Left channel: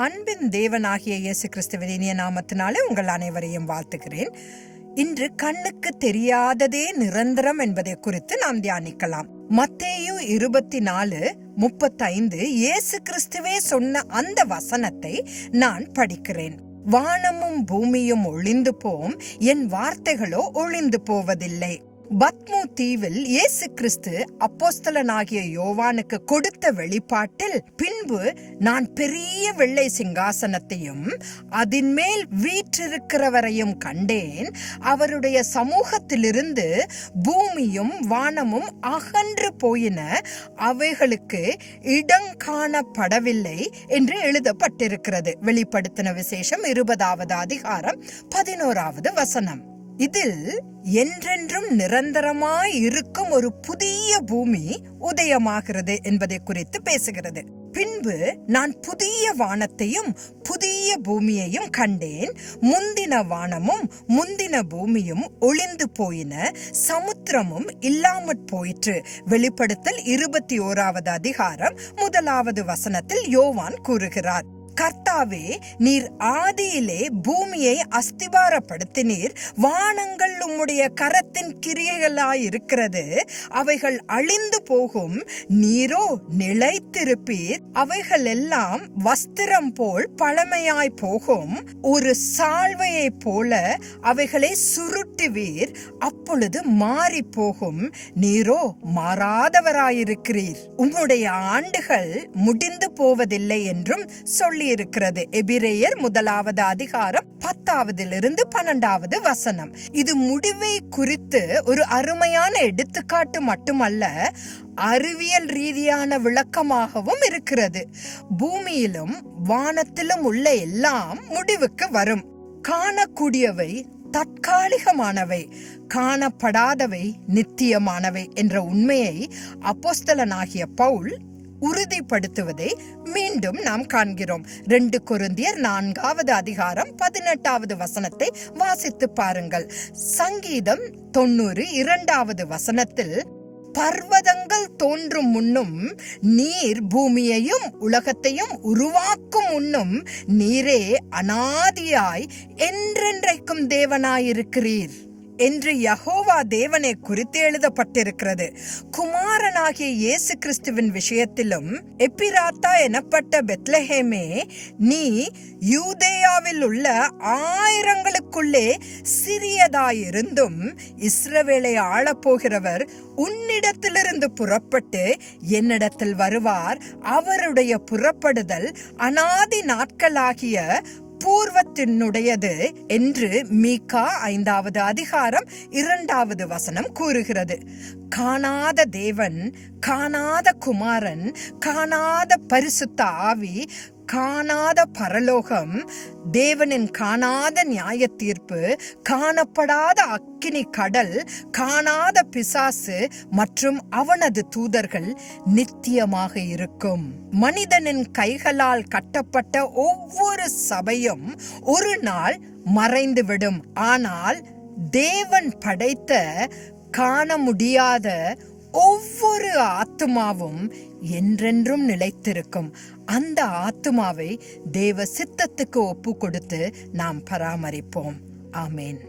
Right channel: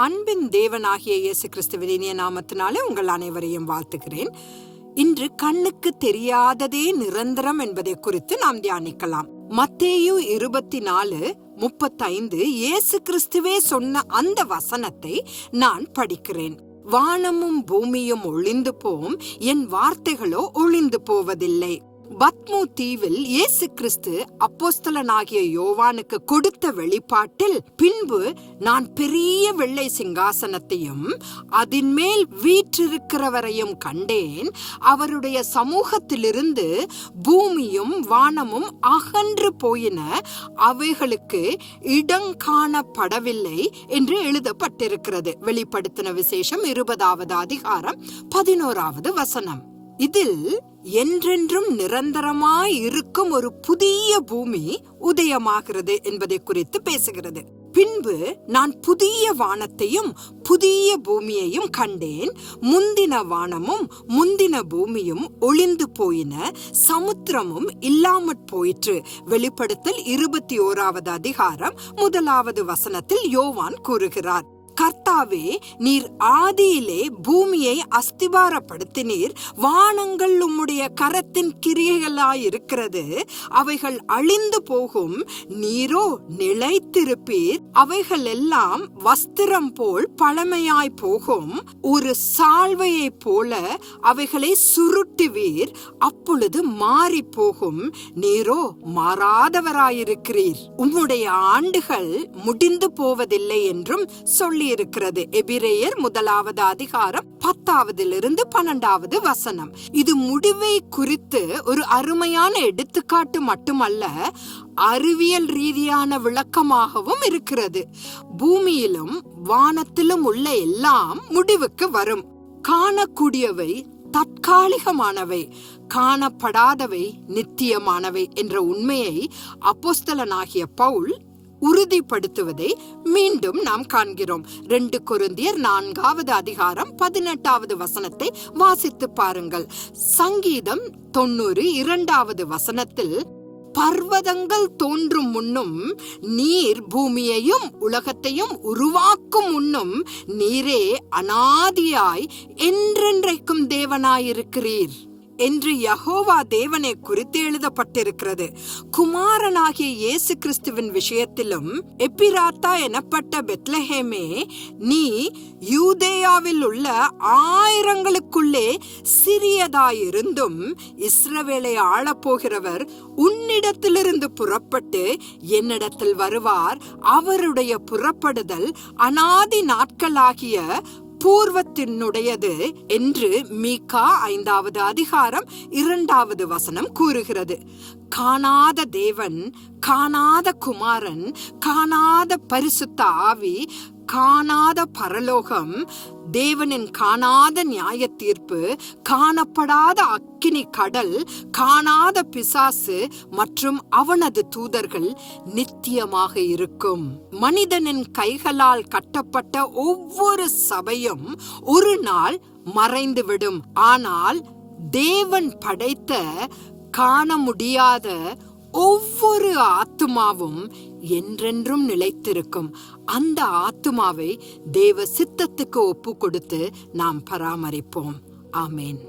அன்பின் தேவனாகிய இயேசு கிறிஸ்துவின் இனிய நாமத்தினாலே உங்கள் அனைவரையும் வாழ்த்துகிறேன். இன்று கண்ணுக்கு தெரியாததே நிரந்தரம் என்பதை குறித்து நாம் தியானிக்கலாம். மத்தேயு இருபத்தி நாலு முப்பத்தைந்து இயேசு கிறிஸ்துவே சொன்ன அந்த வசனத்தை நான் படிக்கிறேன். வானமும் பூமியும் ஒளிந்து போம் என் வார்த்தைகளோ ஒளிந்து போவதில்லை. பத்மு தீவில் இயேசு கிறிஸ்து அப்போஸ்தலனாகிய யோவானுக்கு கொடுத்த வெளிப்பாட்டில் பின்பு நான் பெரிய வெள்ளை சிங்காசனத்தையும் அதன்மேல் வீற்றிருக்கிறவரையும் கண்டேன். அவருடைய சமூகத்திலிருந்து பூமியும் வானமும் அகன்று போயின. அவைகளுக்கு இடங்காணப்படவில்லை என்று எழுதப்பட்டிருக்கிறது. வெளிப்படுத்தின விசேஷம் இருபதாவது அதிகாரம் பதினோராவது வசனம். இதில் என்றென்றும் நிரந்தரமாய் இருக்கும் ஒரு புதிய பூமி உதயமாகிறது என்பதை குறித்து பேசுகிறது. பின்பு நான் புதிய வானத்தையும் புதிய பூமியையும் கண்டேன். முந்தின வானமும் முந்தின பூமியும் ஒளிந்து போயின. சமுத்திரமும் இல்லாமற் போயிற்று. வெளிப்படுத்தல் இருபத்தி ஓராவது அதிகாரம் முதலாவது வசனத்தில் யோவான் கூறுகிறார். கர்த்தாவே நீர் ஆதியிலே பூமியை அஸ்திபாரப்படுத்தினீர் வானங்கள் உம்முடைய கரத்தின் கிரியைகளாயிருக்கிறது. அவைகள் அழிந்து போகும். நீரோ நிலைத்திருப்பீர். அவைகள் எல்லாம் வஸ்திரம் போல் பழமையாய் போகும். ஒரு சால்வையை போல அவைகளை சுருட்டுவீர். அப்பொழுது மாறி போகும் நீரோ மாறாதவராயிருக்கிறீர். உம்முடைய ஆண்டுகள் முடிந்து போவதில்லை என்றும் சொல்லி இருக்கிறது எபிரேயர் முதலாவது அதிகாரம் பத்தாவதிலிருந்து பன்னெண்டாவது வசனம். இது முடிவை குறித்து ஒரு அருமையான எடுத்துக்காட்டு மட்டுமல்ல அறிவியல் ரீதியான விளக்கமாகவும் இருக்கிறது. பூமியிலும் வானத்திலும் உள்ள எல்லாம் முடிவுக்கு வரும். காணக்கூடியவை தற்காலிகமானவை காணப்படாதவை நித்தியமானவை என்ற உண்மையை அப்போஸ்தலனாகிய பவுல் உறுதிப்படுத்துவதை மீண்டும் நாம் காண்கிறோம். ரெண்டு கொருந்தியர் நான்காவது அதிகாரம் பதினெட்டாவது வசனத்தை வாசித்து பாருங்கள். சங்கீதம் தொண்ணூறு இரண்டாவது வசனத்தில் பர்வதங்கள் தோன்றும் முன்னும் நீர் பூமியையும் உலகத்தையும் உருவாக்கும் முன்னும் நீரே அனாதியாய் என்றென்றைக்கும் தேவனாயிருக்கிறீர். என்று யகோவா தேவனை குறித்து எழுதப்பட்டிருக்கிறது. குமாரனாகிய இயேசு கிறிஸ்துவின் விஷயத்திலும் எப்பிராத்தா எனப்பட்ட பெத்லஹேமே நீ யூதேயாவில் உள்ள ஆயிரங்களுக்குள்ளே சிறியதாயிருந்தும் இஸ்ரவேலை ஆளப்போகிறவர் உன்னிடத்திலிருந்து புறப்பட்டு என்னிடத்தில் வருவார். அவருடைய புறப்படுதல் அனாதி நாட்களாகிய பூர்வத்தினுடையது என்று மீகா ஐந்தாவது அதிகாரம் இரண்டாவது வசனம் கூறுகிறது. காணாத தேவன் காணாத குமாரன் காணாத பரிசுத்த ஆவி காணாத பரலோகம் தேவனின் காணாத நியாய தீர்ப்பு காணப்படாத அக்கினி கடல் காணாத பிசாசு மற்றும் அவனது தூதர்கள் நித்தியமாக இருக்கும். மனிதனின் கைகளால் கட்டப்பட்ட ஒவ்வொரு சபையும் ஒரு நாள் மறைந்துவிடும். ஆனால் தேவன் படைத்த காண முடியாத ஒவ்வொரு ஆத்துமாவும் என்றென்றும் நிலைத்திருக்கும். அந்த ஆத்துமாவை தேவ சித்தத்துக்கு ஒப்பு கொடுத்து நாம் பராமரிப்போம். ஆமேன்.